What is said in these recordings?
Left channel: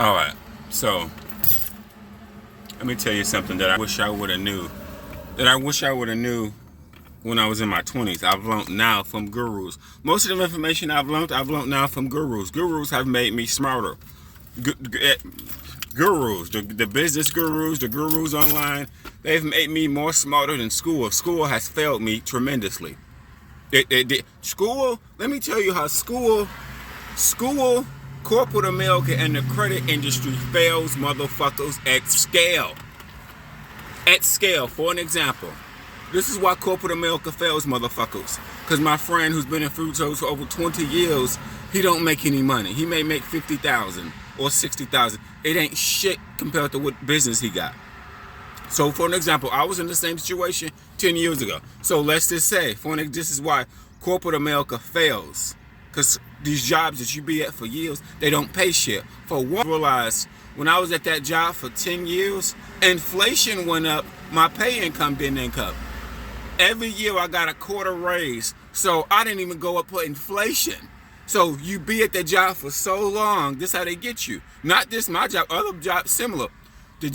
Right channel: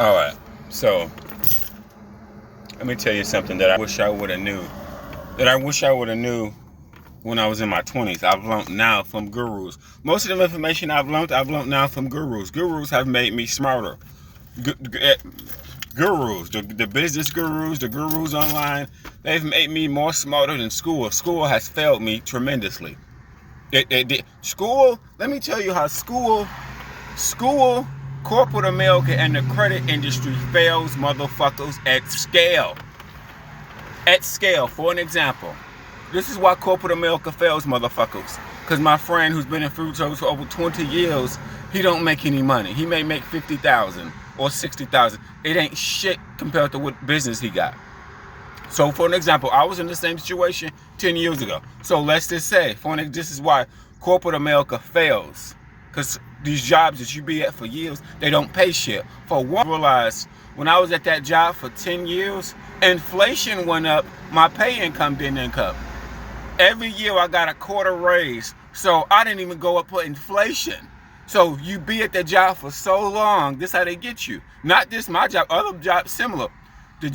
All right, so let me tell you something that I wish I would have knew. That I wish I would have knew when I was in my 20s. I've learned now from gurus. Most of the information I've learned now from gurus. Gurus have made me smarter. Gurus, the business gurus, the gurus online, they've made me more smarter than school. School has failed me tremendously. School, let me tell you how school, corporate America, and the credit industry fails motherfuckers at scale. At scale. For an example, this is why corporate America fails motherfuckers. Because my friend who's been in food service for over 20 years, he don't make any money. He may make $50,000 or $60,000. It ain't shit compared to what business he got. So for an example, I was in the same situation 10 years ago. So let's just say, this is why corporate America fails. Because these jobs that you be at for years, they don't pay shit. For one, I realized when I was at that job for 10 years, inflation went up, my pay income didn't income. Every year I got a quarter raise, so I didn't even go up for inflation. So you be at the job for so long, this is how they get you. Not just my job, other jobs similar. The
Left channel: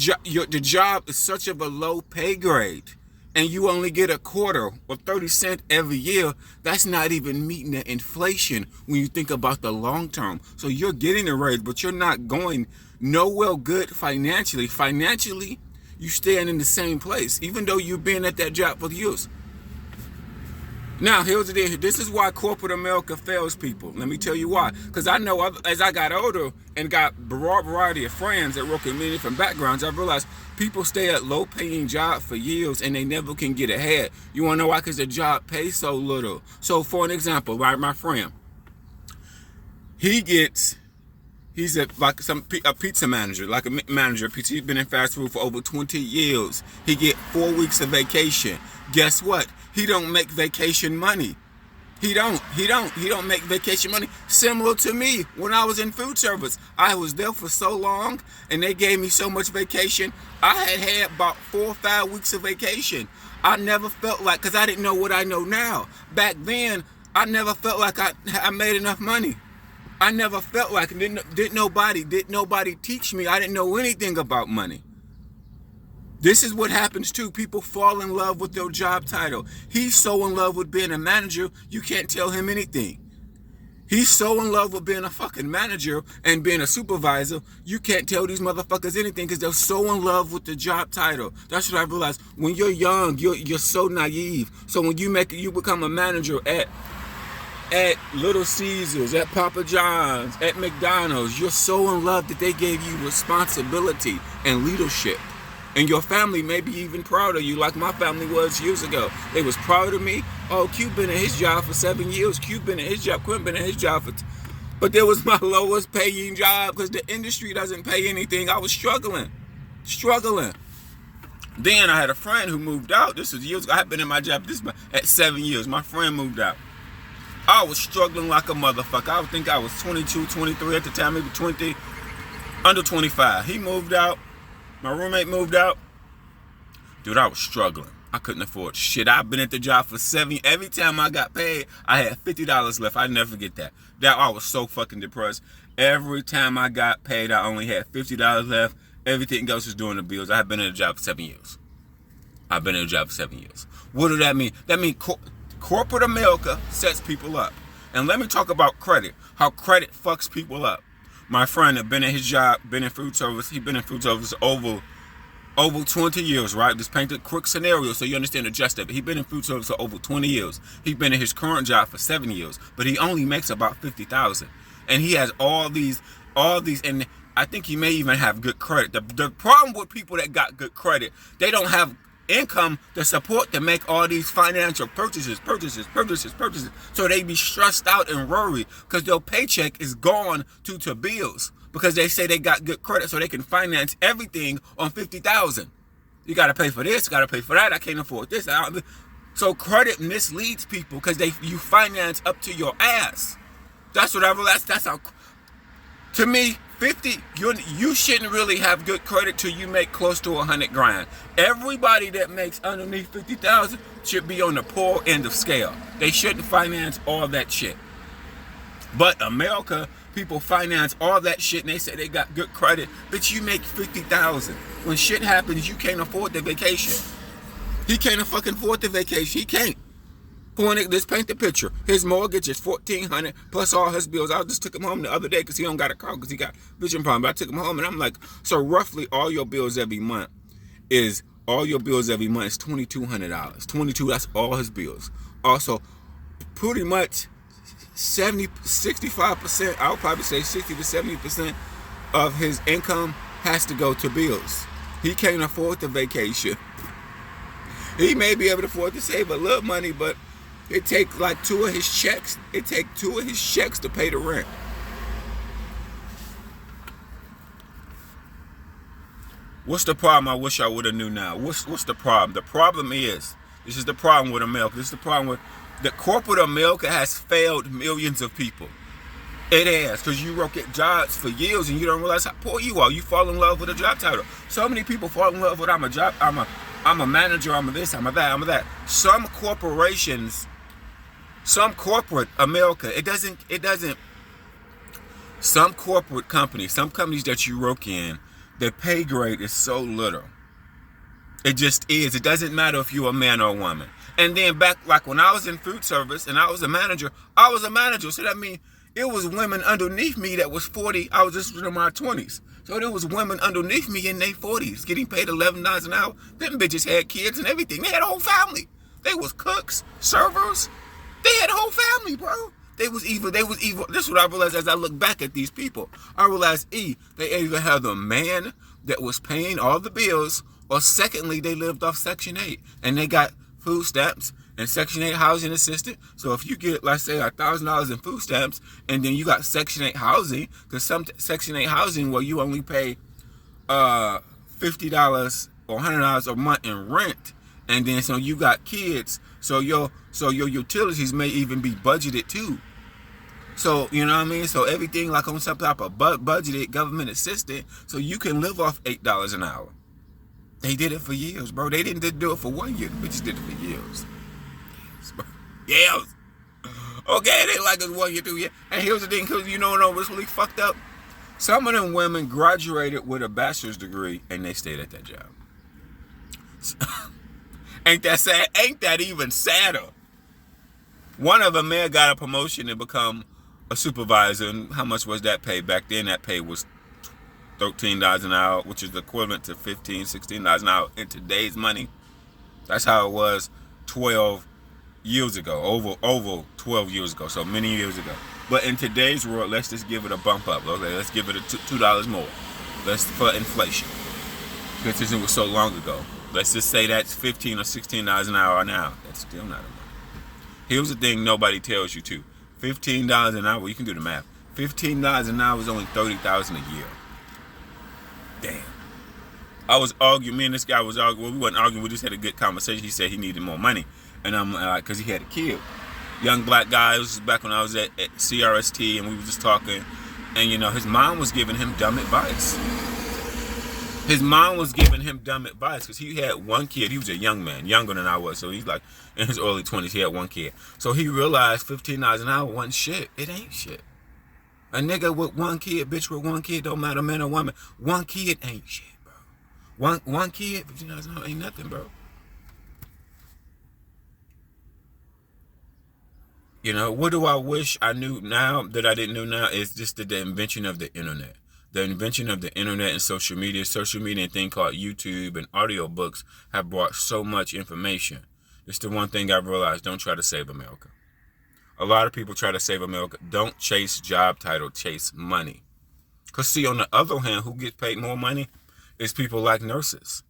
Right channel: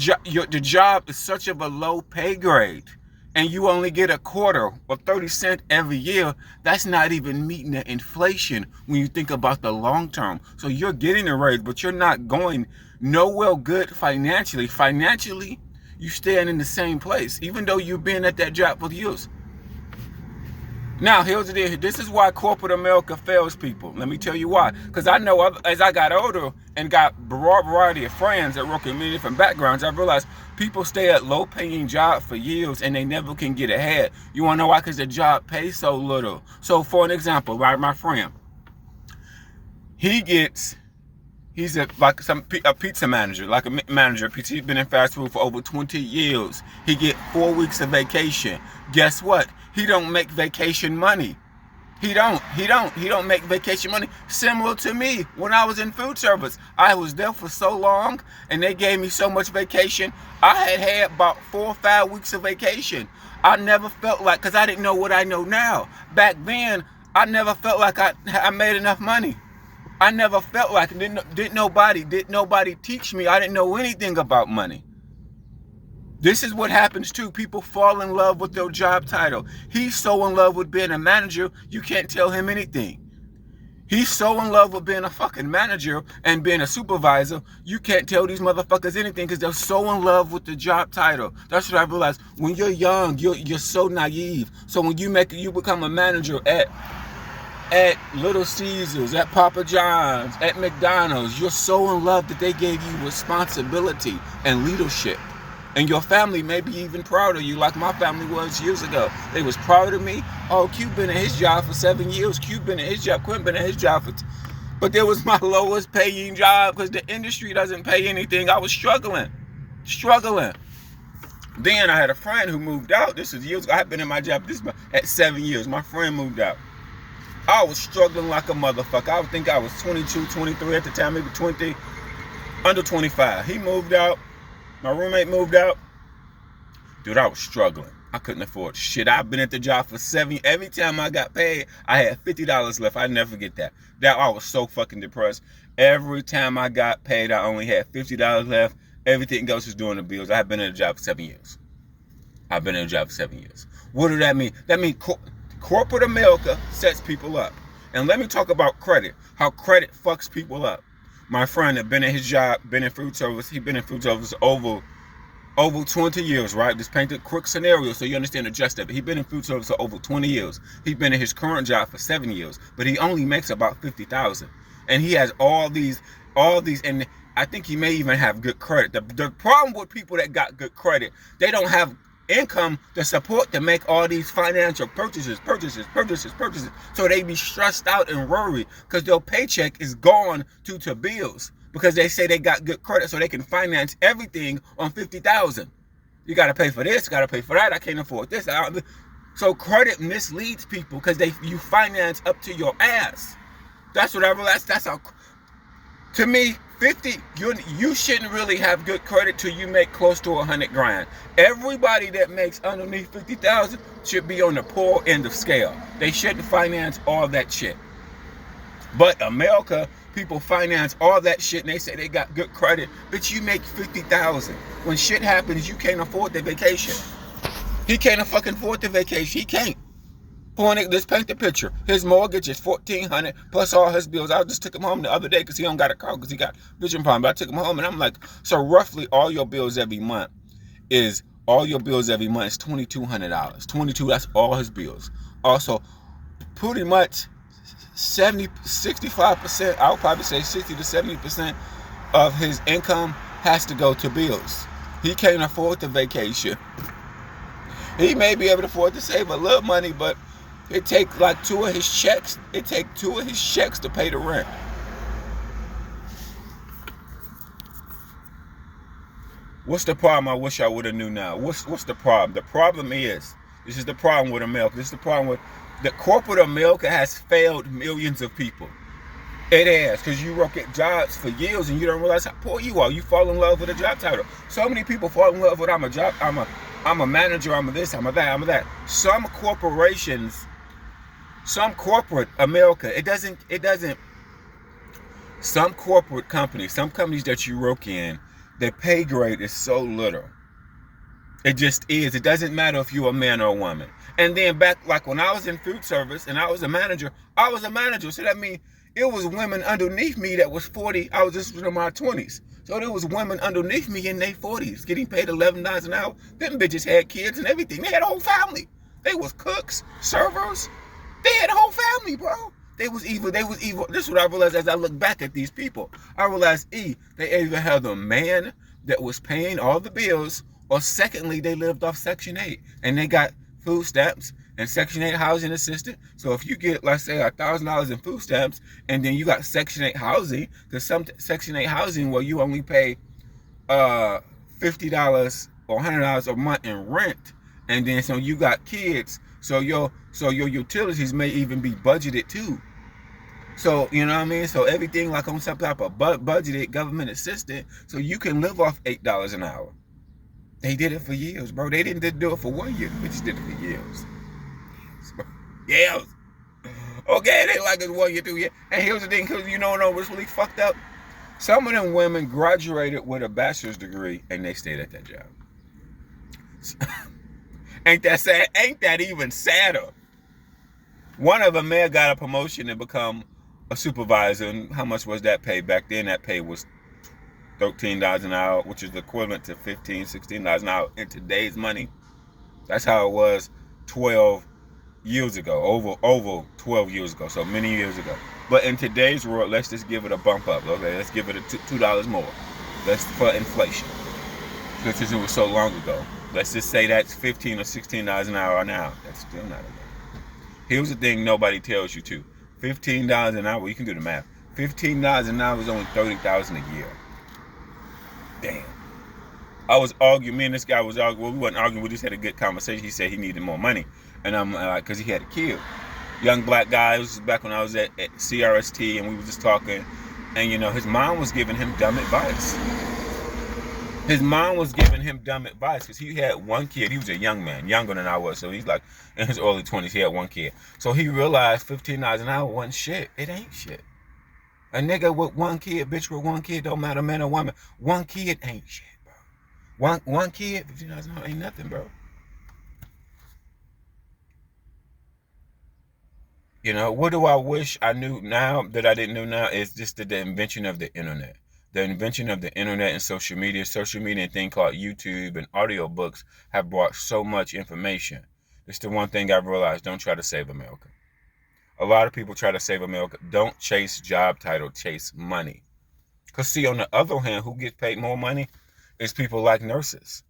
job is such of a low pay grade, and you only get a quarter or 30 cents every year. That's not even meeting the inflation when you think about the long term. So you're getting a raise, but you're not going nowhere good financially. Financially, you staying in the same place, even though you've been at that job for years. Now, here's the deal. This is why corporate America fails people. Let me tell you why. Because I know as I got older and got a broad variety of friends that work in many different backgrounds, I realized people stay at low-paying jobs for years and they never can get ahead. You want to know why? Because the job pays so little. So, for an example, right, my friend, he's a pizza manager, like a manager. He's been in fast food for over 20 years. He get 4 weeks of vacation. Guess what? He don't make vacation money. He don't make vacation money. Similar to me, when I was in food service, I was there for so long, and they gave me so much vacation. I had about 4 or 5 weeks of vacation. I never felt like, because I didn't know what I know now. Back then, I never felt like I made enough money. I never felt like it. Didn't nobody teach me. I didn't know anything about money. This is what happens too. People fall in love with their job title. He's so in love with being a manager, you can't tell him anything. He's so in love with being a fucking manager and being a supervisor, you can't tell these motherfuckers anything because they're so in love with the job title. That's what I realized. When you're young, you're so naive. So when you become a manager at Little Caesars, at Papa John's, at McDonald's, you're so in love that they gave you responsibility and leadership. And your family may be even proud of you, like my family was years ago. They was proud of me. Oh, Q been at his job for 7 years. Q been at his job. Quinn been at his job for... But there was my lowest paying job because the industry doesn't pay anything. I was struggling. Then I had a friend who moved out. This was years ago. I had been in my job at 7 years. My friend moved out. I was struggling like a motherfucker. I would think I was 22, 23 at the time, maybe 20, under 25. He moved out. My roommate moved out. Dude, I was struggling. I couldn't afford shit. I've been at the job for 7 years. Every time I got paid, I had $50 left. I never forget that. I was so fucking depressed. Every time I got paid, I only had $50 left. Everything else was doing the bills. I had been at a job for 7 years. What do that mean? That means corporate America sets people up. And let me talk about credit. How credit fucks people up. My friend had been at his job, been in food service. He's been in food service over 20 years, right? Just paint a quick scenario so you understand the gist of it. He's been in food service for over 20 years. He's been in his current job for 7 years, but he only makes about $50,000. And he has all these, and I think he may even have good credit. The problem with people that got good credit, they don't have income to support to make all these financial purchases. So they be stressed out and worried because their paycheck is gone to bills because they say they got good credit so they can finance everything on $50,000. You got to pay for this, you got to pay for that. I can't afford this. So credit misleads people because you finance up to your ass. That's what I realized. That's how. To me, 50, you shouldn't really have good credit till you make close to 100 grand. Everybody that makes underneath 50,000 should be on the poor end of scale. They shouldn't finance all that shit. But America, people finance all that shit and they say they got good credit. Bitch, you make $50,000. When shit happens, you can't afford the vacation. He can't fucking afford the vacation. He can't. Let's paint the picture. His mortgage is $1,400 plus all his bills. I just took him home the other day because he don't got a car because he got vision problem. But I took him home and I'm like, so roughly all your bills every month is $2,200. 22. That's all his bills. Also, pretty much 65%. I would probably say 60 to 70% of his income has to go to bills. He can't afford the vacation. He may be able to afford to save a little money, but it takes like 2 of his checks. It takes 2 of his checks to pay the rent. What's the problem? I wish I would have knew now. What's the problem? The problem is, this is the problem with America. This is the problem with the corporate America has failed millions of people. It has, because you work at jobs for years and you don't realize how poor you are. You fall in love with a job title. So many people fall in love with I'm a manager, I'm a this, I'm a that, I'm a that. Some corporations, some corporate America, some corporate companies, some companies that you work in, their pay grade is so little. It just is. It doesn't matter if you're a man or a woman. And then back, like when I was in food service and I was a manager. So that means it was women underneath me that was 40. I was just in my 20s. So there was women underneath me in their 40s getting paid $11 an hour. Them bitches had kids and everything. They had a whole family. They was cooks, servers. They had a whole family, bro. They was evil. This is what I realized as I look back at these people. I realized, they either had a man that was paying all the bills, or secondly, they lived off Section 8. And they got food stamps and Section 8 housing assistance. So if you get, let's say, $1,000 in food stamps, and then you got Section 8 housing, because some Section 8 housing where you only pay $50 or $100 a month in rent, and then so you got kids, so your utilities may even be budgeted too. So, you know what I mean? So everything like on some type of budgeted government assistance, so you can live off $8 an hour. They did it for years, bro. They didn't do it for 1 year. They just did it for years. Years. Okay, they like it 1 year, 2 years. And here's the thing, because you know what's really fucked up? Some of them women graduated with a bachelor's degree and they stayed at that job. Ain't that sad? Ain't that even sadder? One of them may have got a promotion and become a supervisor. And how much was that pay? Back then, that pay was $13 an hour, which is the equivalent to $15, $16 an hour in today's money. That's how it was 12 years ago, over 12 years ago, so many years ago. But in today's world, let's just give it a bump up. Okay, let's give it a $2 more. For inflation, because it was so long ago. Let's just say that's $15 or $16 an hour now. That's still not enough. Here's the thing nobody tells you to. $15 an hour, you can do the math. $15 an hour is only $30,000 a year. Damn. I was arguing, me and this guy was arguing. Well, we wasn't arguing, we just had a good conversation. He said he needed more money. And I'm like, because he had a kid. Young black guy. This was back when I was at CRST, and we were just talking. And, his mom was giving him dumb advice. Because he had one kid. He was a young man, younger than I was. So he's like in his early 20s. He had one kid. So he realized $15 an hour wasn't shit. It ain't shit. A nigga with one kid, bitch with one kid, don't matter man or woman. One kid ain't shit, bro. One kid, $15 an hour ain't nothing, bro. What do I wish I knew now that I didn't know now is just the invention of the internet. The invention of the internet and social media and a thing called YouTube and audiobooks have brought so much information. It's the one thing I've realized, don't try to save America. A lot of people try to save America. Don't chase job title, chase money. Because see, on the other hand, who gets paid more money is people like nurses.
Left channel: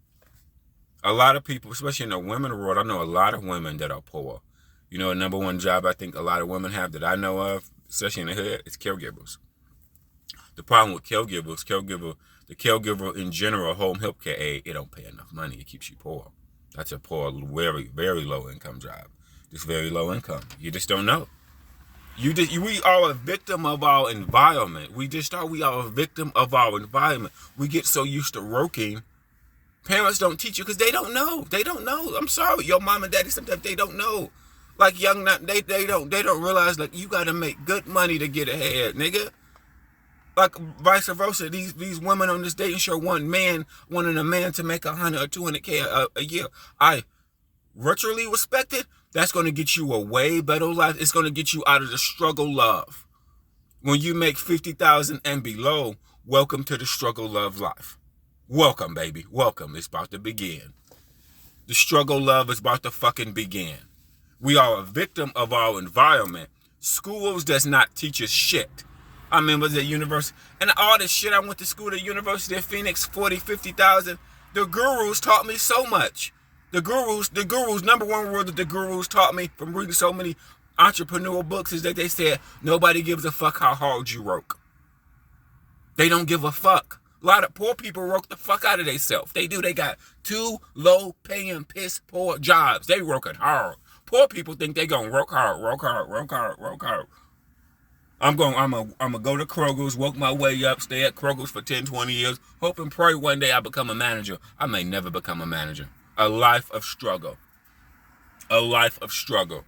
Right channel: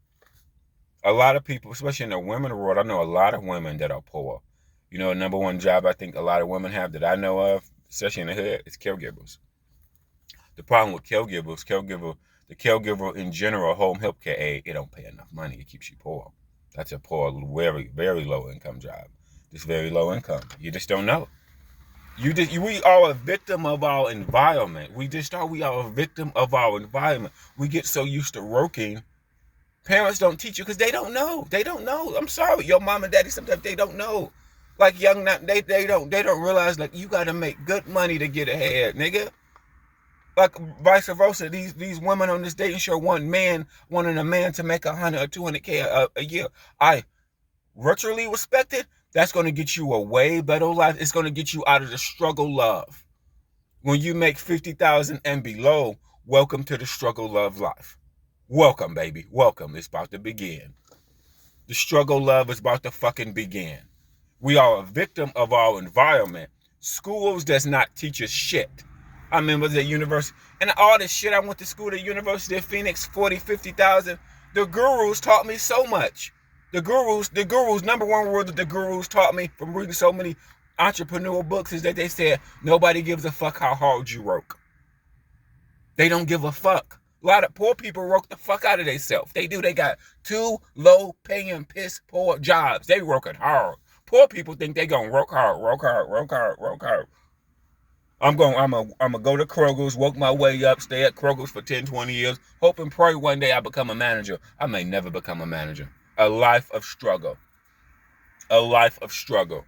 A lot of people, especially in the women world, I know a lot of women that are poor. The number one job I think a lot of women have that I know of, especially in the hood, is caregivers. The problem with the caregiver in general, home health care aid, it don't pay enough money. It keeps you poor. That's a poor, very, very low income job. Just very low income. You just don't know. We are a victim of our environment. We are a victim of our environment. We get so used to working. Parents don't teach you because they don't know. They don't know. I'm sorry. Your mom and daddy, sometimes they don't know. Like they don't realize like you gotta make good money to get ahead, nigga. Like vice versa, these women on this dating show wanting a man to make 100 or 200K a year. I virtually respect it. That's going to get you a way better life. It's going to get you out of the struggle love. When you make 50,000 and below, welcome to the struggle love life. Welcome, baby. Welcome. It's about to begin. The struggle love is about to fucking begin. We are a victim of our environment. Schools does not teach us shit. I remember the university, and all this shit, I went to school at the University of Phoenix, 40, 50,000. The gurus taught me so much. The gurus, number one word that the gurus taught me from reading so many entrepreneurial books is that they said, nobody gives a fuck how hard you work. They don't give a fuck. A lot of poor people work the fuck out of themselves. They do. They got 2 low-paying, piss-poor jobs. They working hard. Poor people think they gonna work hard. I'm gonna go to Kroger's, work my way up, stay at Kroger's for 10, 20 years, hope and pray one day I become a manager. I may never become a manager. A life of struggle. A life of struggle.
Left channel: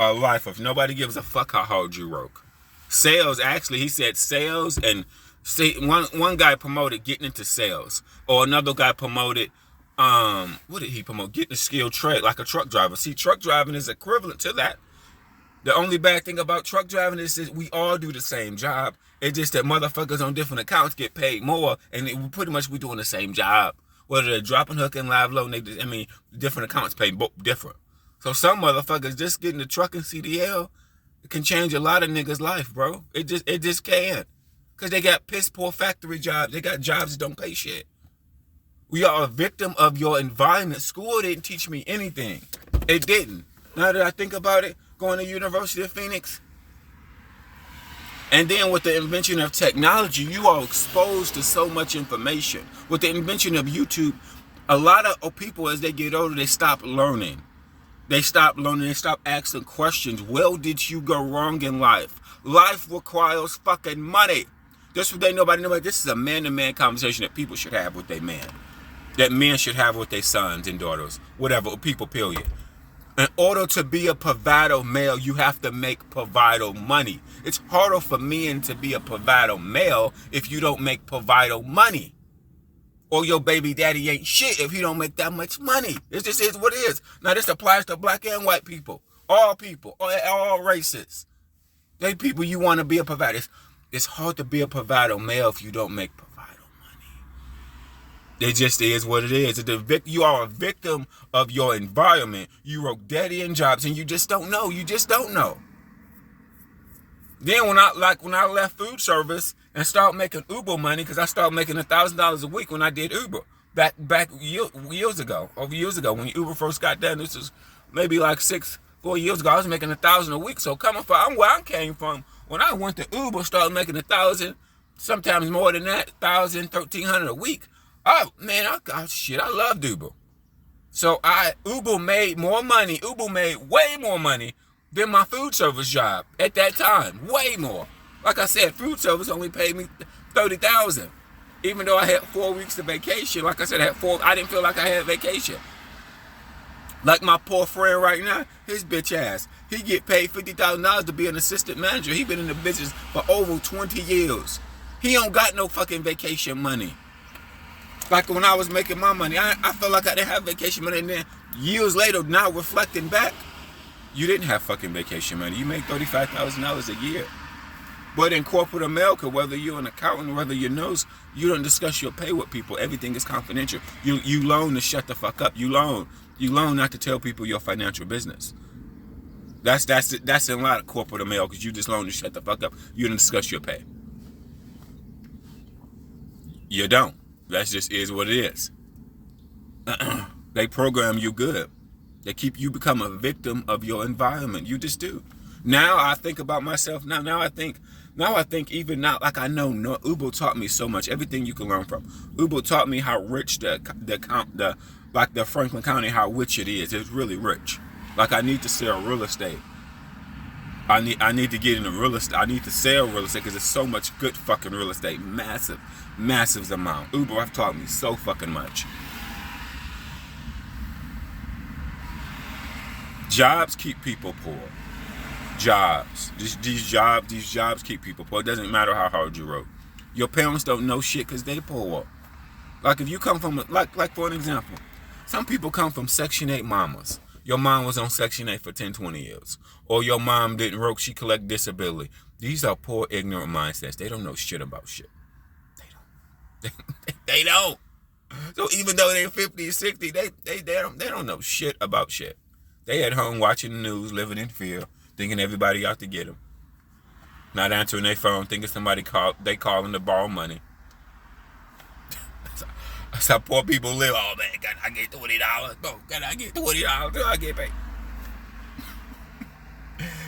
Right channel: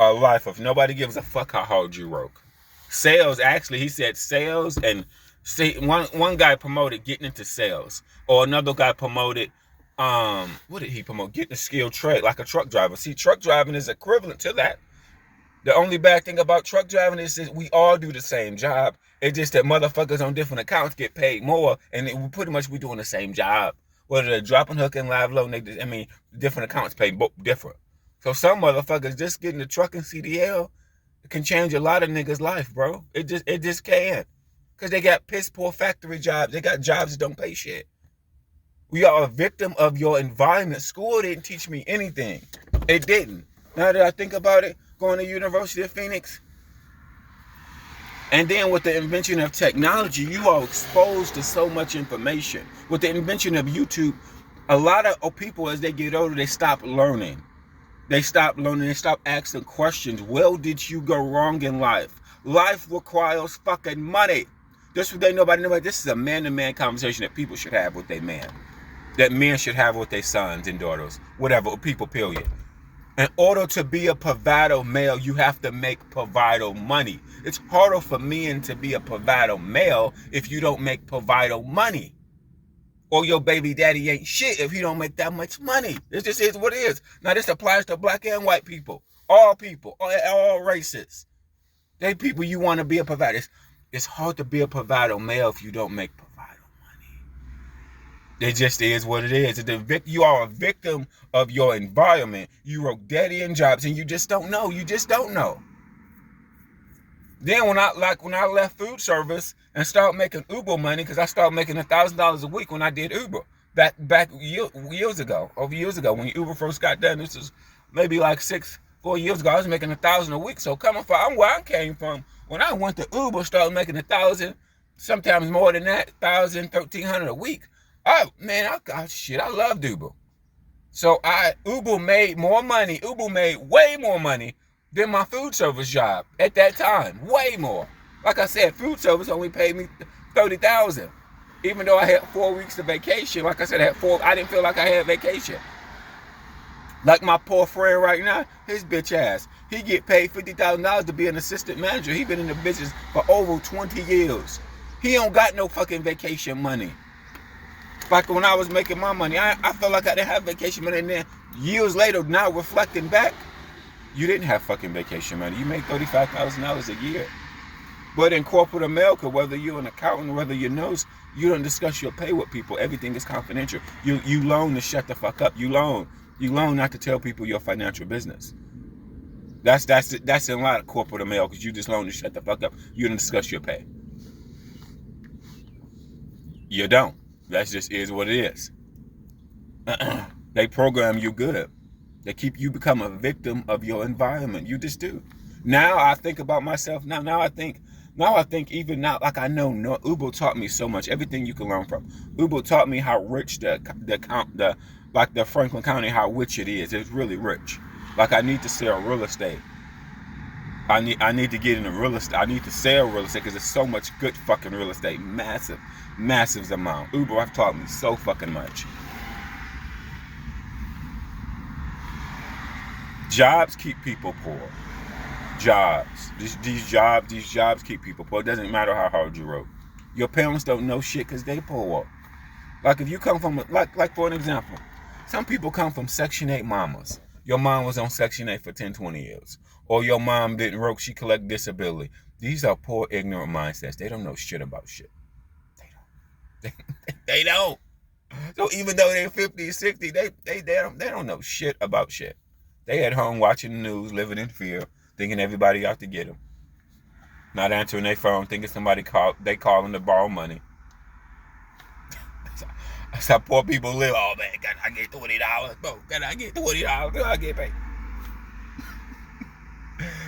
A life of nobody gives a fuck how hard you work. Sales, actually, he said sales, and see, one guy promoted getting into sales, or another guy promoted what did he promote? Getting a skilled trade like a truck driver. See, truck driving is equivalent to that. The only bad thing about truck driving is that we all do the same job. It's just that motherfuckers on different accounts get paid more, and pretty much we doing the same job. Whether they're dropping, hooking, live load, different accounts pay different. So some motherfuckers just getting the truck and CDL can change a lot of niggas' life, bro. It just can. Because they got piss poor factory jobs. They got jobs that don't pay shit. We are a victim of your environment. School didn't teach me anything. It didn't. Now that I think about it, going to University of Phoenix, and then with the invention of technology, you are exposed to so much information. With the invention of YouTube, a lot of people, as they get older, they stop learning. They stop learning. They stop asking questions. Where did you go wrong in life? Life requires fucking money. This is what nobody. This is a man-to-man conversation that people should have with their man. That men should have with their sons and daughters. Whatever, people, period. In order to be a provider male, you have to make provider money. It's harder for men to be a provider male if you don't make provider money. Or your baby daddy ain't shit if he don't make that much money. It just is what it is. Now this applies to black and white people. All races. They people you want to be a provider. It's hard to be a provider male if you don't make provider money. It just is what it is. You are a victim of your environment. You work dead end jobs and you just don't know. You just don't know. Then when I left food service and started making Uber money, because I started making $1,000 a week when I did Uber back years ago, when Uber first got done. This was maybe like 4 years ago. I was making $1,000 a week. So coming from where I came from, when I went to Uber, started making $1,000, sometimes more than that, $1,000, $1,300 a week. Oh man, I loved Uber. So Uber made more money. Uber made way more money than my food service job at that time. Way more. Like I said, food service only paid me $30,000. Even though I had 4 weeks of vacation, like I said, I didn't feel like I had vacation. Like my poor friend right now, his bitch ass. He get paid $50,000 to be an assistant manager. He been in the business for over 20 years. He don't got no fucking vacation money. Like when I was making my money, I felt like I didn't have vacation money. And then years later, now reflecting back, you didn't have fucking vacation money. You make $35,000 a year. But in corporate America, whether you're an accountant, whether you're a nurse, you don't discuss your pay with people. Everything is confidential. You loan to shut the fuck up. You loan not to tell people your financial business. That's in a lot of corporate America, because you just loan to shut the fuck up. You don't discuss your pay. You don't. That just is what it is. They program you good. They keep you become a victim of your environment. You just do. Now I think about myself. Now I think even now, like I know Uber taught me so much. Everything you can learn from. Uber taught me how rich the Franklin County, how rich it is. It's really rich. Like I need to sell real estate. I need to get into real estate. I need to sell real estate because there's so much good fucking real estate. Massive amount. Uber have taught me so fucking much. Jobs keep people poor. Jobs. These jobs keep people poor. It doesn't matter how hard you work. Your parents don't know shit because they poor. Like if you come from, like for an example, some people come from Section 8 mamas. Your mom was on Section 8 for 10, 20 years. Or your mom didn't work, she collect disability. These are poor, ignorant mindsets. They don't know shit about shit. They don't. They don't. So even though they're 50, 60, they don't know shit about shit. They at home watching the news, living in fear, thinking everybody out to get them. Not answering their phone, thinking somebody calling to borrow money. That's how poor people live. Oh man, can I get $20? No, can I get $20? Do I get paid?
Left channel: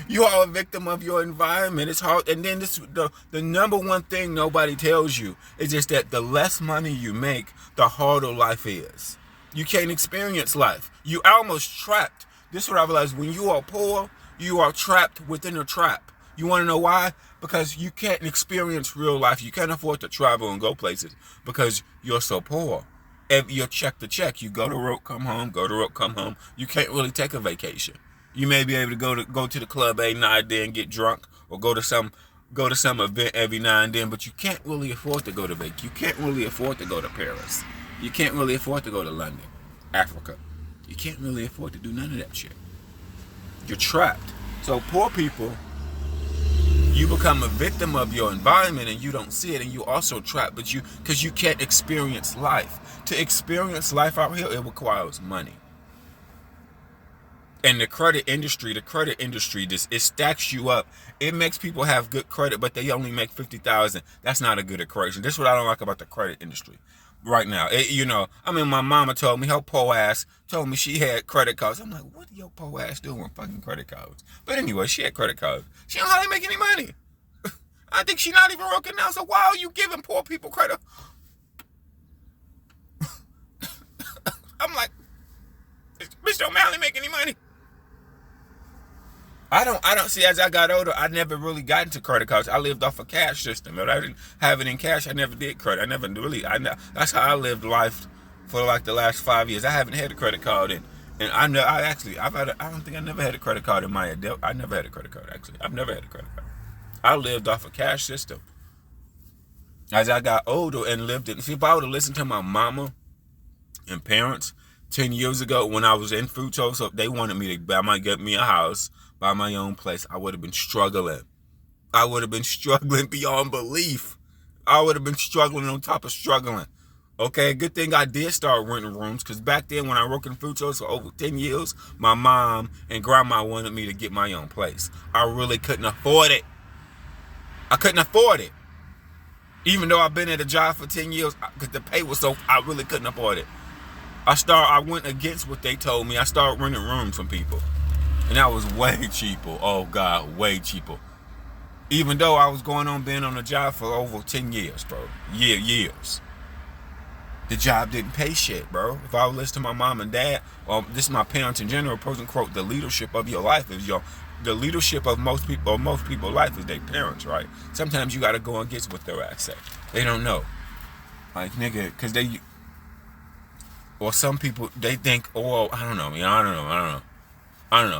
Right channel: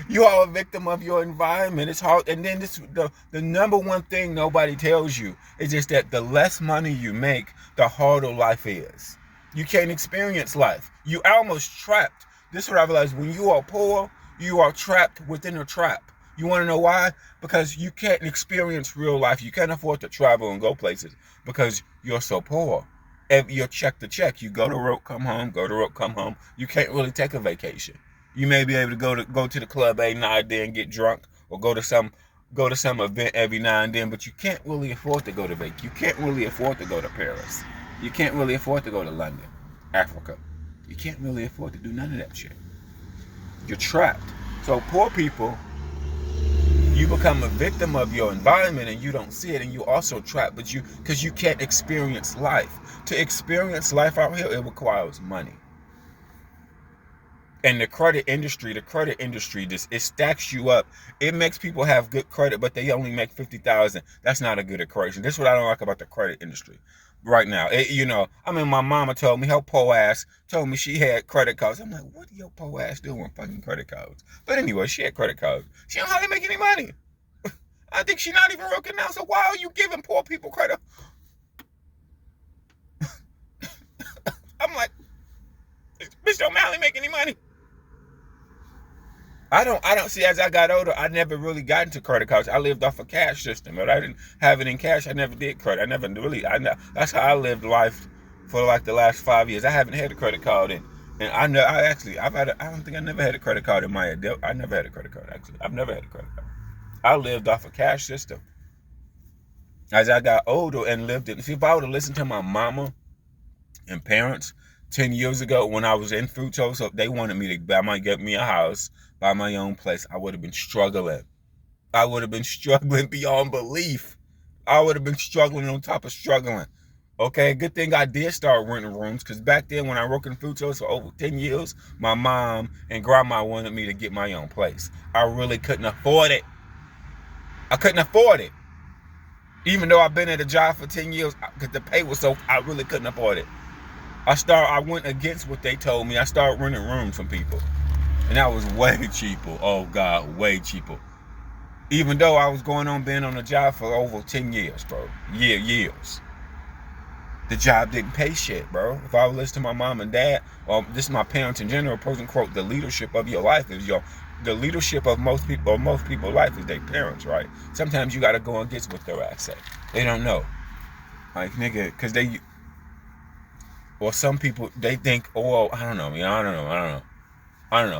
You are a victim of your environment. It's hard. And then the number one thing nobody tells you is just that the less money you make, the harder life is. You can't experience life. You almost trapped. This is what I realized. When you are poor, you are trapped within a trap. You want to know why? Because you can't experience real life. You can't afford to travel and go places because you're so poor. You're check to check. You go to work, come home, go to work, come home. You can't really take a vacation. You may be able to go to the club every night then and get drunk, or go to some event every now and then, but you can't really afford to go to vacation. You can't really afford to go to Paris. You can't really afford to go to London, Africa. You can't really afford to do none of that shit. You're trapped. So poor people, you become a victim of your environment and you don't see it, and you also trapped, because you can't experience life. To experience life out here, it requires money. And the credit industry, it stacks you up. It makes people have good credit, but they only make $50,000. That's not a good equation. This is what I don't like about the credit industry right now. My mama told me, her poor ass told me she had credit cards. I'm like, what do your poor ass doing with fucking credit cards? But anyway, she had credit cards. She don't hardly make any money. I think she's not even working now. So why are you giving poor people credit? I'm like, bitch don't hardly make any money. I don't see, as I got older, I never really got into credit cards. I lived off a cash system. But I didn't have it in cash. I never did credit. That's how I lived life for like the last 5 years. I haven't had a credit card I don't think I never had a credit card in my adult. I never had a credit card, actually. I've never had a credit card. I lived off a cash system. As I got older and see, if I would have listened to my mama and parents 10 years ago when I was in Fruto, so they wanted me to get me a house, buy my own place, I would have been struggling. I would have been struggling beyond belief. I would have been struggling on top of struggling. Okay, good thing I did start renting rooms, because back then when I worked in Frutos for over 10 years, my mom and grandma wanted me to get my own place. I really couldn't afford it. I couldn't afford it. Even though I've been at a job for 10 years, because the pay was so, I really couldn't afford it. I went against what they told me. I started renting rooms from people. And that was way cheaper. Oh God, way cheaper. Even though I was being on a job for over 10 years, bro. Years. The job didn't pay shit, bro. If I would listen to my mom and dad, or this is my parents in general, quote, the leadership of your life is the leadership of most people's life is their parents, right? Sometimes you gotta go against what their ass say. They don't know. Like, nigga, because or some people, they think, oh, I don't know.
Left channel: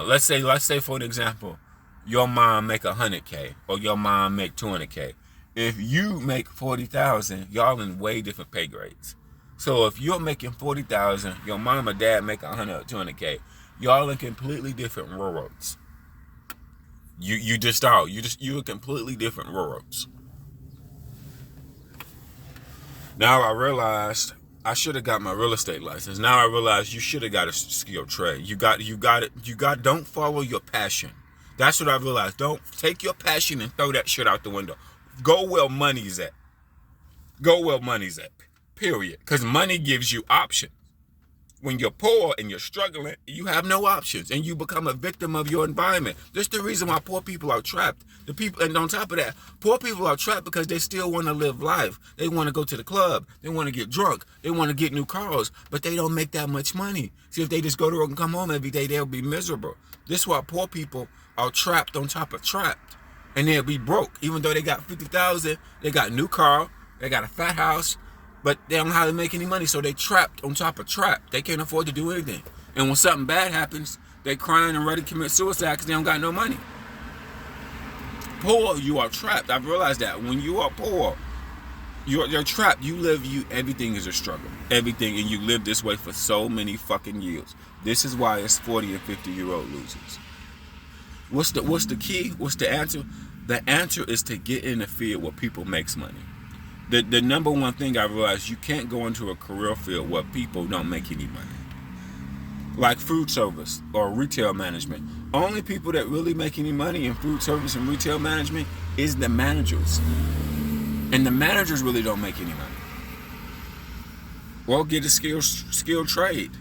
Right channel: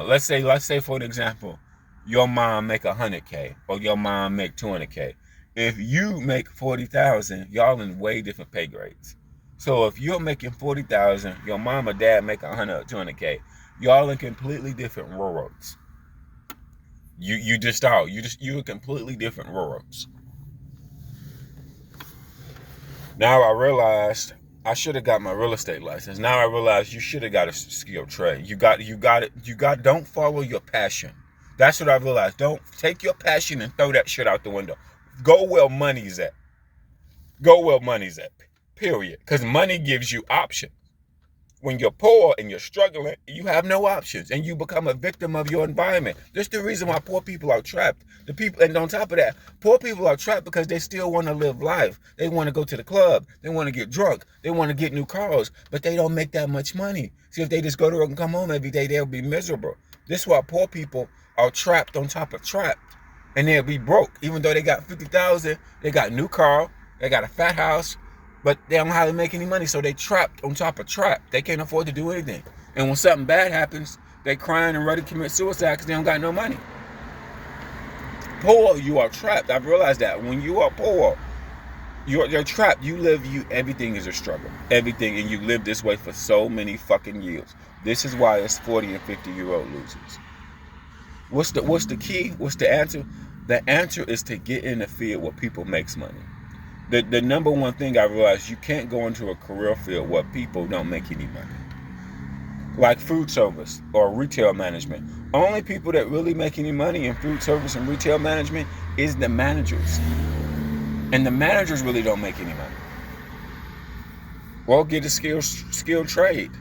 Let's say for an example, your mom make 100K or your mom make 200K. If you make 40,000, y'all in way different pay grades. So if you're making 40,000, your mom or dad make 100 or 200K, y'all in completely different worlds. You're completely different worlds. Now I realized I should have got my real estate license. Now I realize you should have got a skilled trade. You got it. Don't follow your passion. That's what I realized. Don't take your passion and throw that shit out the window. Go where money's at. Period. Because money gives you options. When you're poor and you're struggling, you have no options, and you become a victim of your environment. That's the reason why poor people are trapped. And on top of that, poor people are trapped because they still want to live life. They want to go to the club. They want to get drunk. They want to get new cars, but they don't make that much money. See, if they just go to work and come home every day, they'll be miserable. This is why poor people are trapped on top of trapped, and they'll be broke. Even though they got 50,000, they got a new car, they got a fat house, but they don't know how to make any money, so they trapped on top of trapped. They can't afford to do anything. And when something bad happens, they crying and ready to commit suicide because they don't got no money. poor, you are trapped. I've realized that when you are poor, you're trapped. Everything is a struggle. Everything, and you live this way for so many fucking years. This is why it's 40 and 50-year-old losers. What's the key? What's the answer? The answer is to get in the field where people makes money. The number one thing I realized, you can't go into a career field where people don't make any money. Like food service or retail management. Only people that really make any money in food service and retail management is the managers. And the managers really don't make any money. Well, get a skilled trade.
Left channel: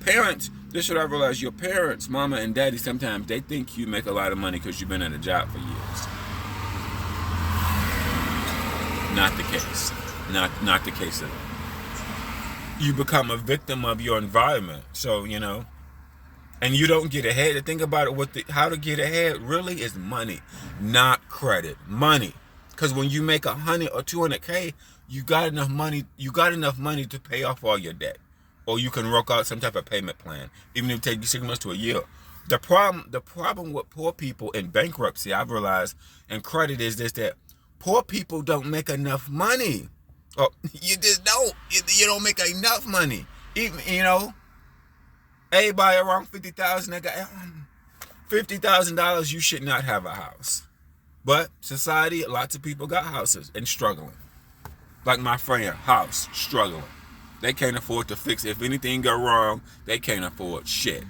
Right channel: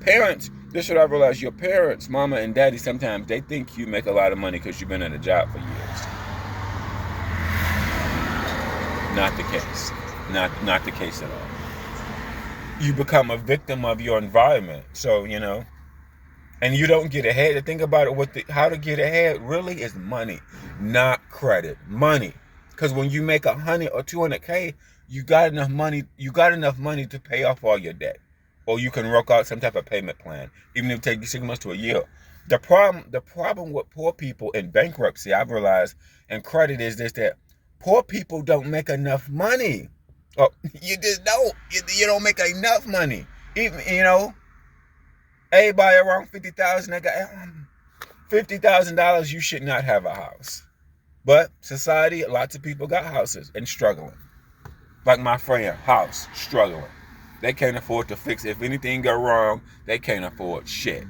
Parents, this is what I realized. Your parents, mama and daddy, sometimes they think you make a lot of money because you've been at a job for years. Not the case. Not the case at all. You become a victim of your environment. So, and you don't get ahead. The thing about it, how to get ahead really is money, not credit. Money. Because when you make 100 or 200K, you got enough money to pay off all your debt. Or you can work out some type of payment plan, even if it takes you 6 months to a year. The problem with poor people in bankruptcy, I've realized, and credit is this, that poor people don't make enough money. Oh, you just don't. You don't make enough money. Even, everybody around $50,000, they got $50,000, you should not have a house. But society, lots of people got houses and struggling. Like my friend, house, struggling. They can't afford to fix it. If anything go wrong, they can't afford shit.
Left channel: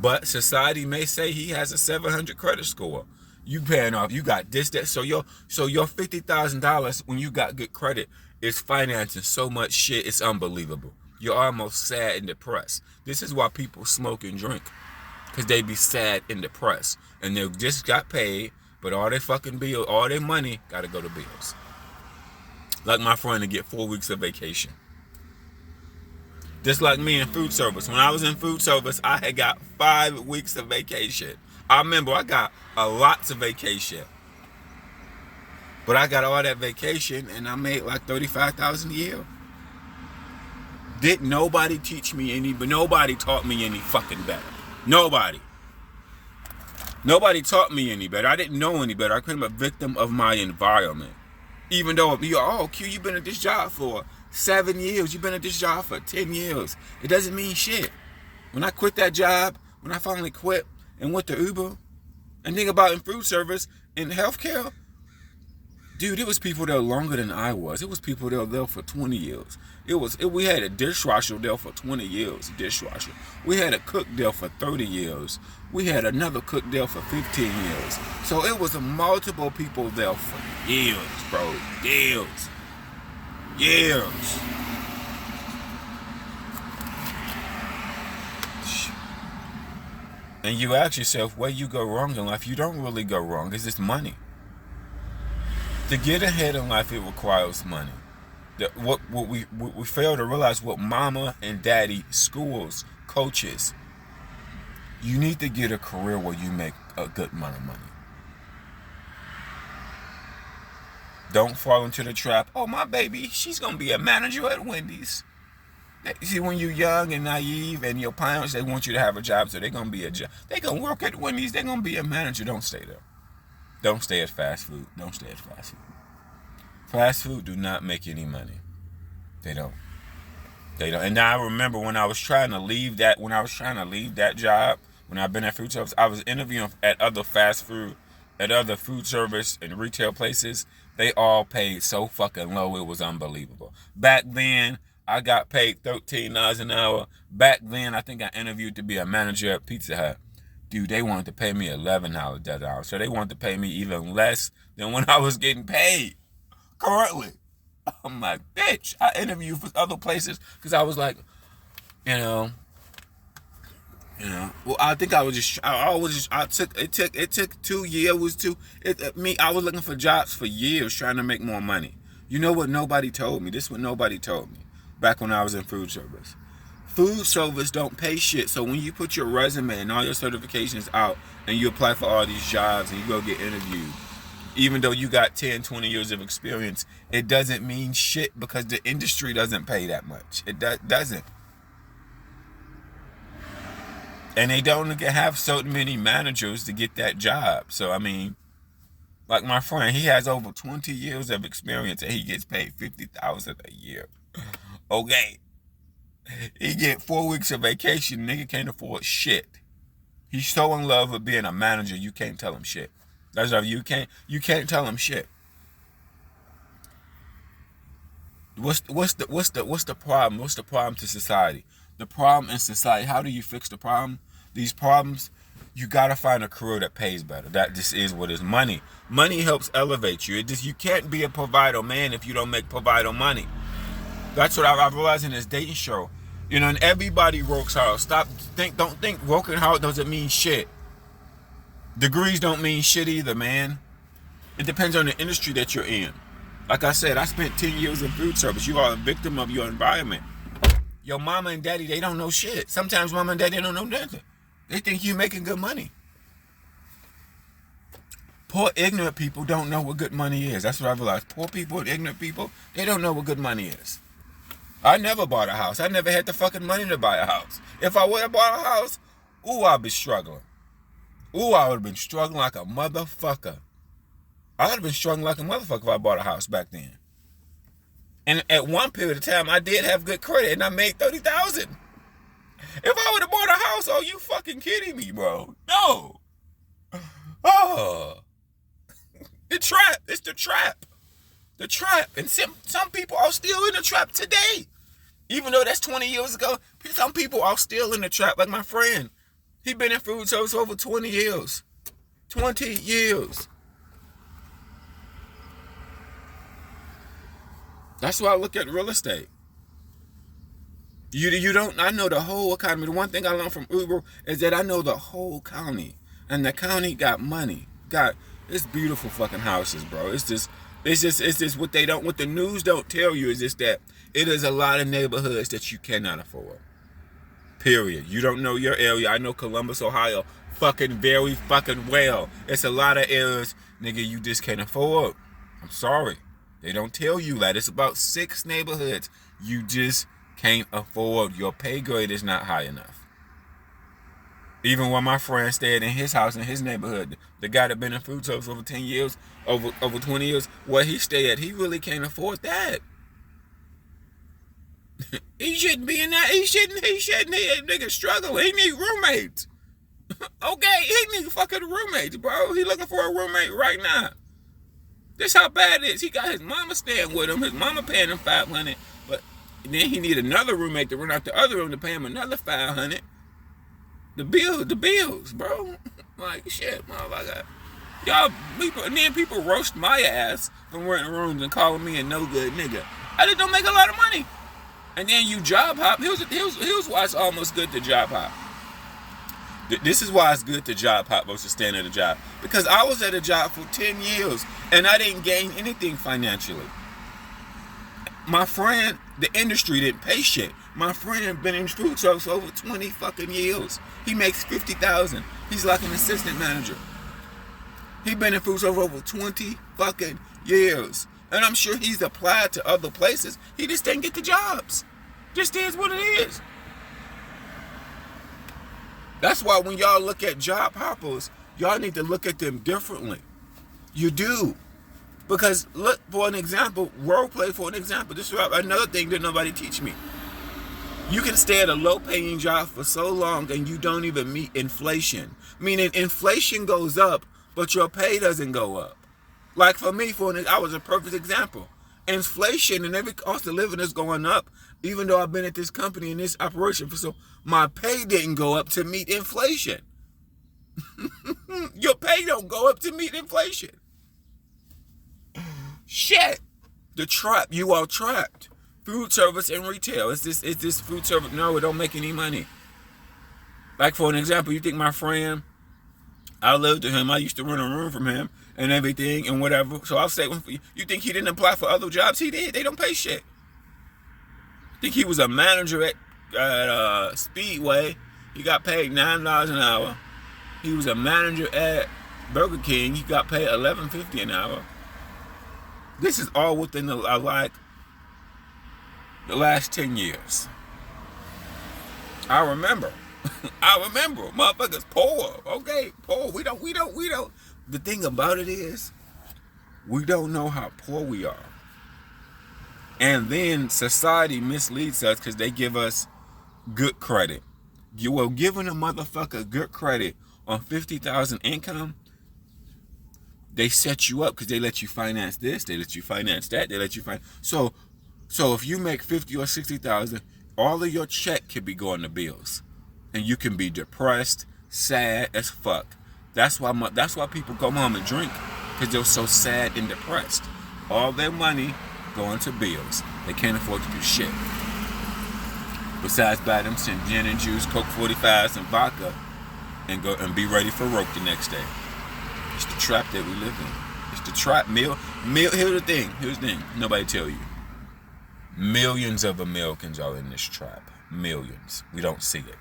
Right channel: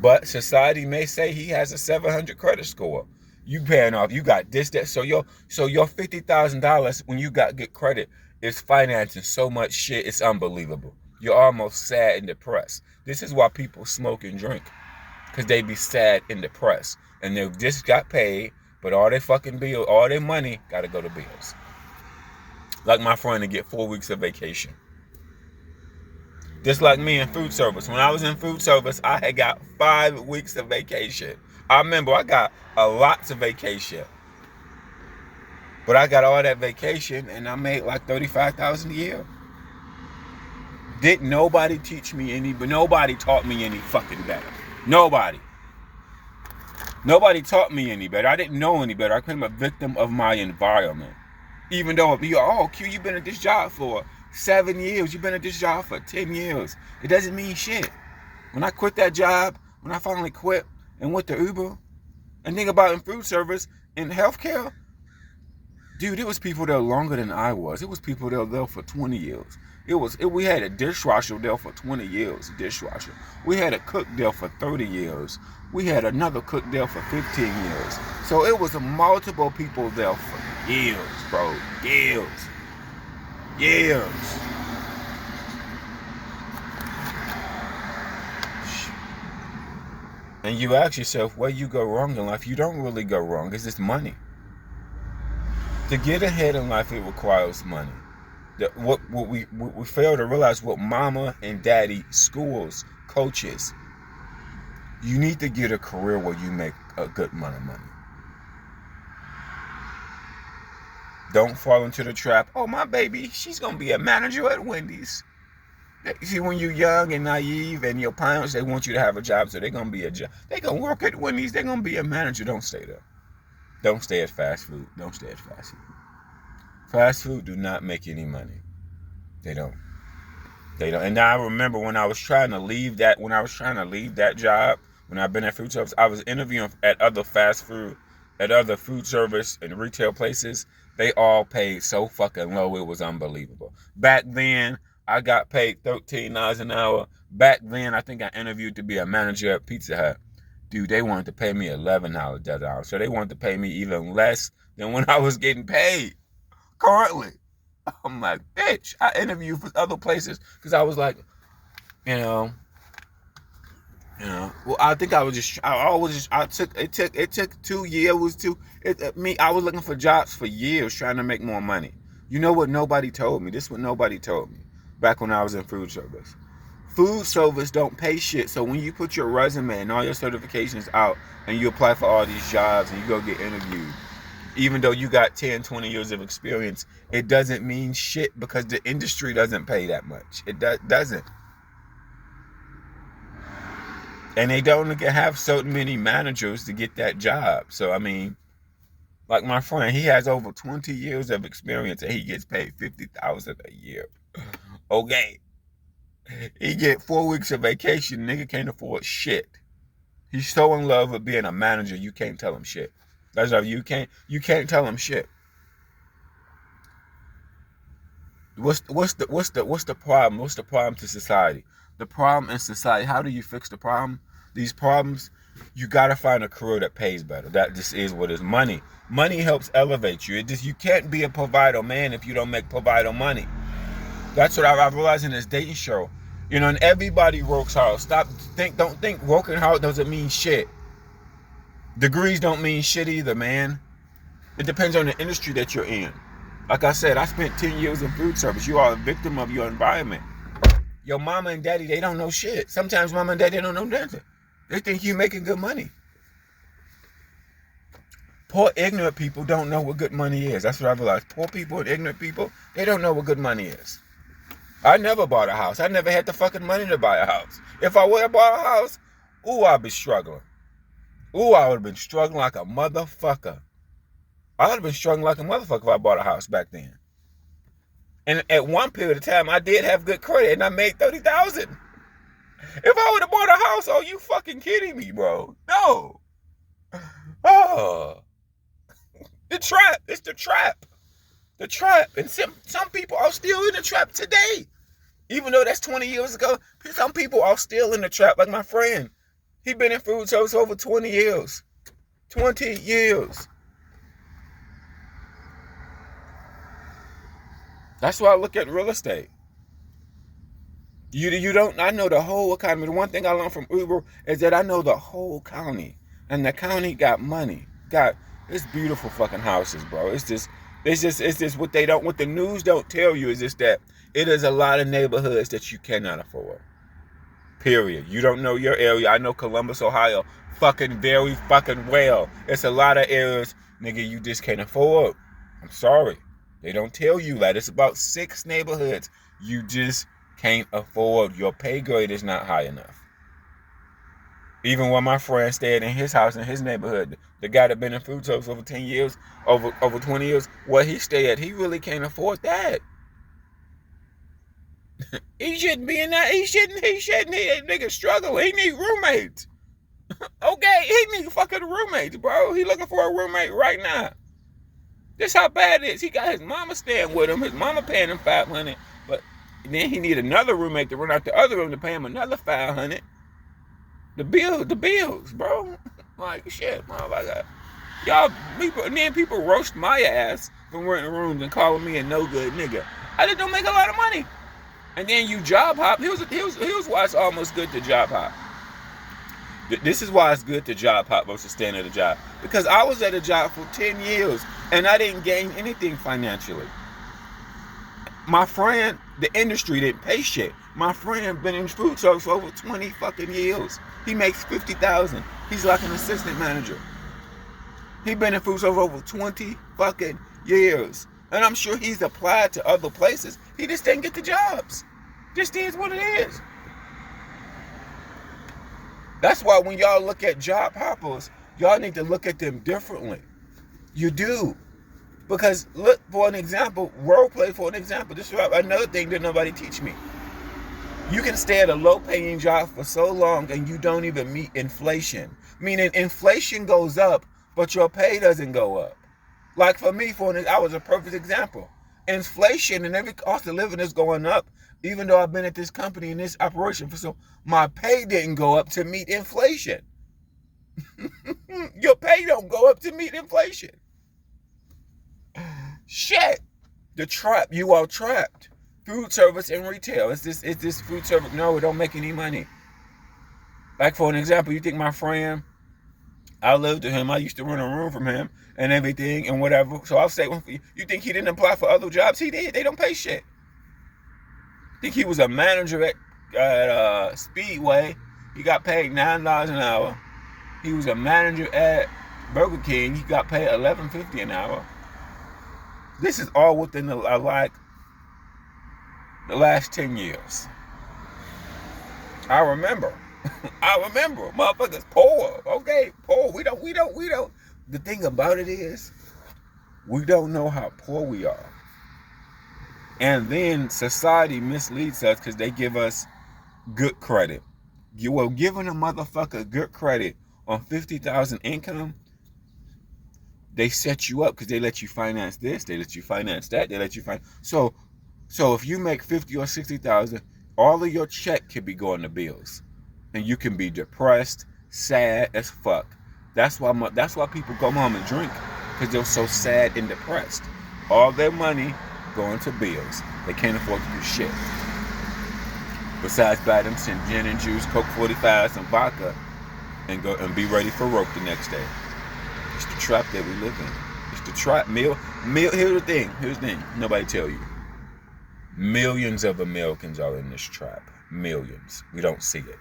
But society may say he has a 700 credit score. You paying off, you got this, that. So your $50,000 when you got good credit is financing so much shit, it's unbelievable. You're almost sad and depressed. This is why people smoke and drink. Because they be sad and depressed. And they just got paid, but all their fucking bills, all their money gotta go to bills. Like my friend to get 4 weeks of vacation. Just like me in food service. When I was in food service, I had got 5 weeks of vacation. I remember I got lots of vacation. But I got all that vacation and I made like $35,000 a year. Didn't nobody teach me any, but nobody taught me any fucking better. Nobody taught me any better. I didn't know any better. I became a victim of my environment. Even though, Q, you've been at this job for 7 years. You've been at this job for 10 years. It doesn't mean shit. When I quit that job, when I finally quit and went to Uber, and think about in food service, in healthcare, dude, it was people there longer than I was. It was people there for 20 years. We had a dishwasher there for 20 years, dishwasher. We had a cook there for 30 years. We had another cook there for 15 years. So it was multiple people there for years, bro. Years. And you ask yourself, where you go wrong in life? You don't really go wrong. It's just money. To get ahead in life, it requires money. What we fail to realize, what mama and daddy, schools, coaches, you need to get a career where you make a good amount of money. Don't fall into the trap. Oh, my baby, she's going to be a manager at Wendy's. See, when you're young and naive and your parents, they want you to have a job, so they're going to be a job. They're going to work at Wendy's. They're going to be a manager. Don't stay there. Don't stay at fast food. Don't stay at fast food. Fast food do not make any money. They don't. And now I remember when I was trying to leave that job, when I've been at food service, I was interviewing at other food service and retail places. They all paid so fucking low, it was unbelievable. Back then, I got paid $13 an hour. Back then, I think I interviewed to be a manager at Pizza Hut. Dude, they wanted to pay me $11 an hour. So they wanted to pay me even less than when I was getting paid currently. I'm like, bitch. I interviewed for other places because I was like, well, I think it took 2 years. I was looking for jobs for years trying to make more money. You know what nobody told me? This is what nobody told me back when I was in food service. Food service don't pay shit. So when you put your resume and all your certifications out and you apply for all these jobs and you go get interviewed, even though you got 10, 20 years of experience, it doesn't mean shit because the industry doesn't pay that much. It doesn't. And they don't have so many managers to get that job. So, I mean, like my friend, he has over 20 years of experience and he gets paid $50,000 a year. Okay. He get 4 weeks of vacation. Nigga can't afford shit. He's so in love with being a manager, you can't tell him shit. That's how you can't tell him shit. What's the problem? What's the problem to society? The problem in society, how do you fix the problem? These problems, you gotta find a career that pays better. That just is what is money. Money helps elevate you. You can't be a provider man if you don't make provider money. That's what I've realized in this dating show. You know, and everybody works hard. Don't think working hard doesn't mean shit. Degrees don't mean shit either, man. It depends on the industry that you're in. Like I said, I spent 10 years in food service. You are a victim of your environment. Your mama and daddy, they don't know shit. Sometimes mama and daddy don't know nothing. They think you making good money. Poor, ignorant people don't know what good money is. That's what I realized. Poor people and ignorant people, they don't know what good money is. I never bought a house. I never had the fucking money to buy a house. If I would have bought a house, ooh, I'd be struggling. Ooh, I would have been struggling like a motherfucker. I would have been struggling like a motherfucker if I bought a house back then. And at one period of time, I did have good credit, and I made $30,000. If I would have bought a house, oh, you fucking kidding me, bro? No. Oh. The trap. It's the trap. The trap. And some people are still in the trap today. Even though that's 20 years ago, some people are still in the trap. Like my friend. He been in food service over 20 years. 20 years. That's why I look at real estate. You don't, I know the whole economy. The one thing I learned from Uber is that I know the whole county. And the county got money. It's beautiful fucking houses, bro. It's just what the news don't tell you is just that it is a lot of neighborhoods that you cannot afford. Period. You don't know your area. I know Columbus, Ohio, very fucking well. It's a lot of areas, nigga, you just can't afford. I'm sorry. They don't tell you that. It's about 6 neighborhoods you just can't afford. Your pay grade is not high enough. Even when my friend stayed in his house in his neighborhood, the guy that been in food service over 10 years, over 20 years, where he stayed at, he really can't afford that. He shouldn't be in that. He shouldn't. That nigga struggling. He need roommates. Okay, he need fucking roommates, bro. He looking for a roommate right now. This how bad it is. He got his mama staying with him. His mama paying him $500, but then he need another roommate to run out the other room to pay him another $500. The bills, bro. Like shit, motherfucker. Y'all, people, and then people roast my ass from renting rooms and calling me a no good nigga. I just don't make a lot of money. And then you job hop. Here's why it's almost good to job hop. This is why it's good to job hop versus staying at a job. Because I was at a job for 10 years and I didn't gain anything financially. My friend, the industry didn't pay shit. My friend been in food service for over 20 fucking years. He makes $50,000. He's like an assistant manager. He been in food service for over 20 fucking years. And I'm sure he's applied to other places. He just didn't get the jobs. Just is what it is. That's why when y'all look at job hoppers, y'all need to look at them differently. You do. Because look, for an example, role play for an example. This is another thing that nobody teach me. You can stay at a low-paying job for so long and you don't even meet inflation. Meaning inflation goes up, but your pay doesn't go up. Like for me, I was a perfect example. Inflation and every cost of living is going up, even though I've been at this company and this operation for so my pay didn't go up to meet inflation. Your pay don't go up to meet inflation. Shit. The trap. You are trapped. Food service and retail. It's this food service. No, it don't make any money. Like for an example, you think my friend, I lived with him. I used to rent a room from him and everything and whatever. So I'll say, you think he didn't apply for other jobs? He did. They don't pay shit. Think he was a manager at Speedway. He got paid $9 an hour. He was a manager at Burger King. He got paid $11.50 an hour. This is all within the last 10 years. I remember I remember, motherfuckers poor. Okay, poor. We don't. The thing about it is, we don't know how poor we are. And then society misleads us because they give us good credit. You were giving a motherfucker good credit on 50,000 income. They set you up because they let you finance this, they let you finance that, they let you finance. So if you make 50 or 60,000, all of your check can be going to bills, and you can be depressed, sad as fuck. That's why people go home and drink, because they're so sad and depressed. All their money going to bills. They can't afford to do shit besides buy them some gin and juice, Coke 45, some vodka, and go and be ready for work the next day. It's the trap that we live in. It's the trap. Here's the thing. Nobody tell you. Millions of Americans are in this trap. Millions. We don't see it.